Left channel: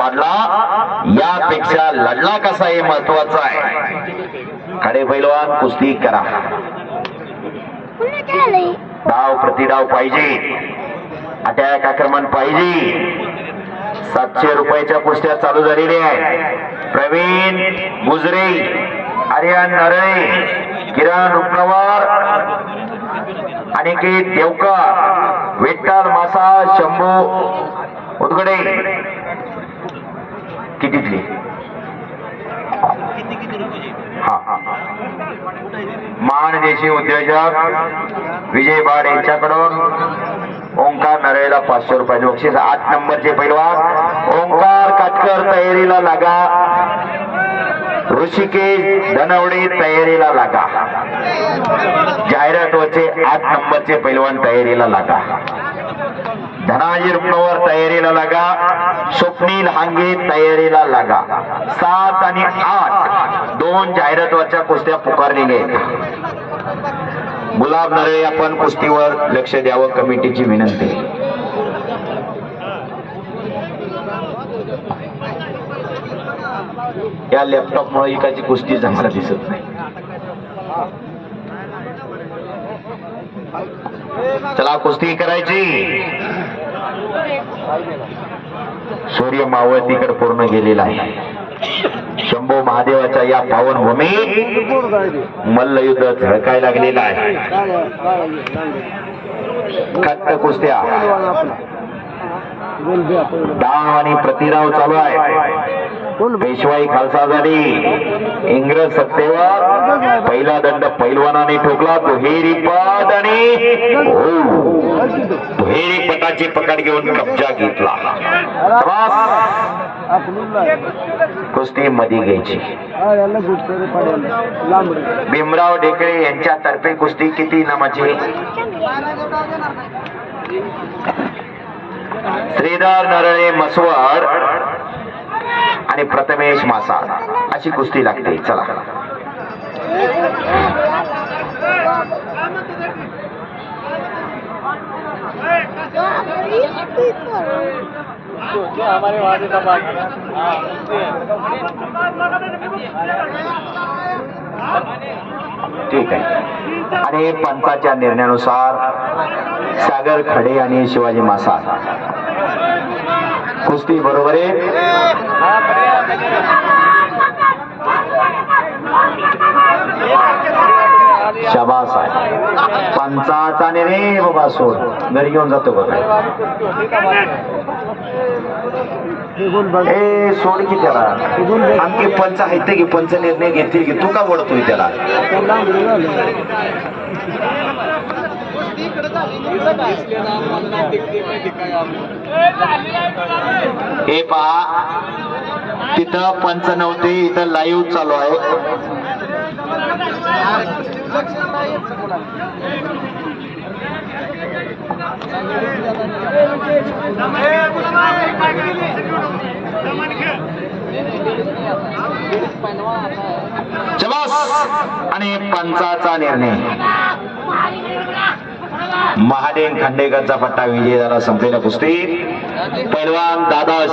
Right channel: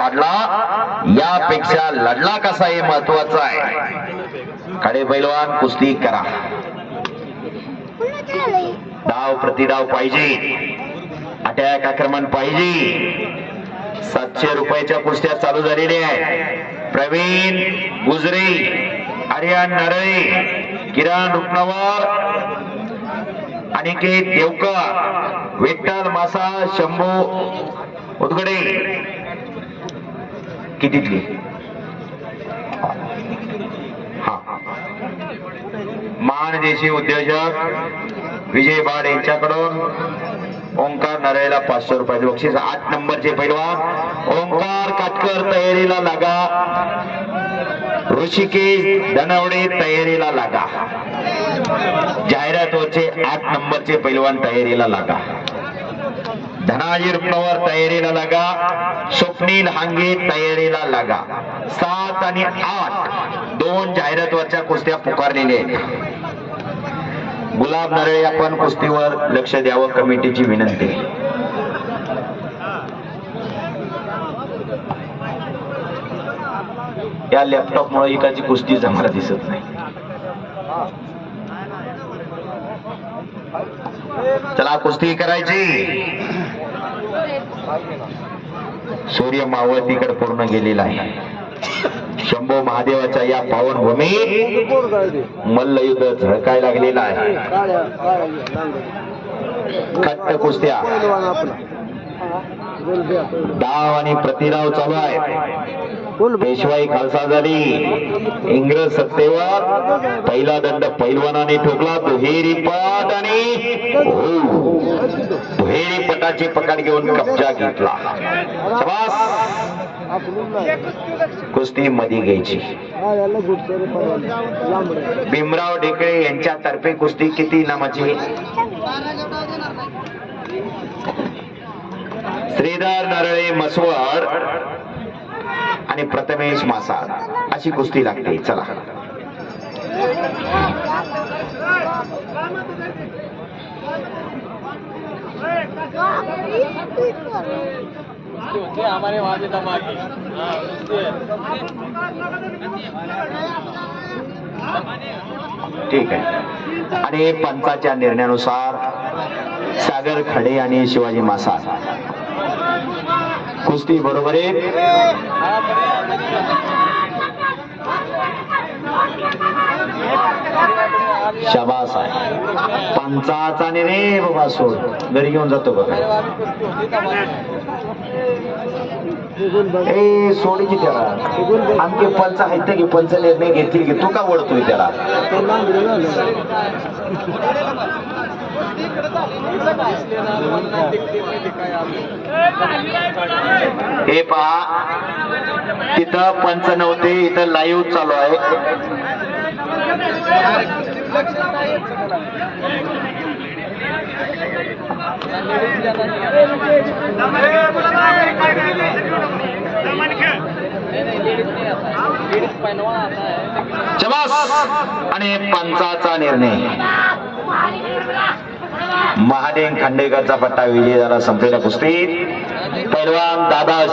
पाडला. यापेक्षा लढला कसा हे महत्वाचं आहे? खडे पैलवान कुस्ती करा. डाव प्रतिडाव पाहिजे. अटॅक आक्रमण पाहिजे. सातशे रुपयाच्या कुस्त्या चालू झालेल्या आहे प्रवीण गुजरे आर्यन नरळे किरण रुपनवर अनिकेत देवकर विठ्ठल मासा शंभू उदगडे. कितीतली हा उद्योजक विजय बाड यांच्याकडून ओंकार नरेला पाचशे रुपयाचे बक्षीस. आठ नंबरचे पैलवान ओंकार काटकर तयारीला लागा. ऋषिकेश धनवडे तयारीला लागा. जाहिरात वचे आठ नंबरचे पैलवान तयारीला लागा. धनाजी रुग्णावर तयारीला लागा स्वप्नील हांगे तयारीला लागा. सात आणि आठ दोन जाहिरातवरच्या कुस्त्या पुकारलेल्या आहेत. गुलाब नरळे आपण कुस्तीवर लक्ष द्यावं कमिटीची विनंती. या लॅपटॉप मुळे एकाची कुस्ती आम्हाला दिसत नाही. चला कुस्ती करायची. सूर्य मावळतीकडे पूर्ण गेलेला आहे. शंभू महादेवाच्या या पावन भूमीत मल्लयुद्ध झळकाय लागलेला आहे. खट्ट कुस्त्या डाव आणि प्रतिराव चालू आहे पेशवाई खालसा झाली इंग्रज सत्तेवर पहिला दंड पैलवानाने ठोकला. दुहेरी पट आणि हो. दुहेरी पटाची पकड घेऊन कब्जा घेतला. कुस्ती मध्ये घ्यायची. भीमराव ढेकळे यांच्यातर्फे कुस्ती किती नामाची? श्रीधर नरळे मसवड आणि प्रथमेश मासा अशी कुस्ती लागते. चला. हमारे बाकी हाँ ठीक आहे. आणि पंचाच्या निर्णयानुसार सागर खडे आणि शिवाजी मासा. कुस्ती बरोबर आहे. हाँ शाबास आहे. पंचाचा निर्णय बाबा सोड. घरी घेऊन जातो बघा. ए सोड की त्याला. आणखी पंच आहेत की पंच निर्णय घेतील की तू का ओढतोय त्याला? हे पहा तिथं पंच नव्हते इथं लाईव्ह चालू आहे. आणि पंचाचा निर्णय. महादेव खांडेकरचा पट्टा विजय झाला संपलेल्या कुस्तीत. पैलवान दादा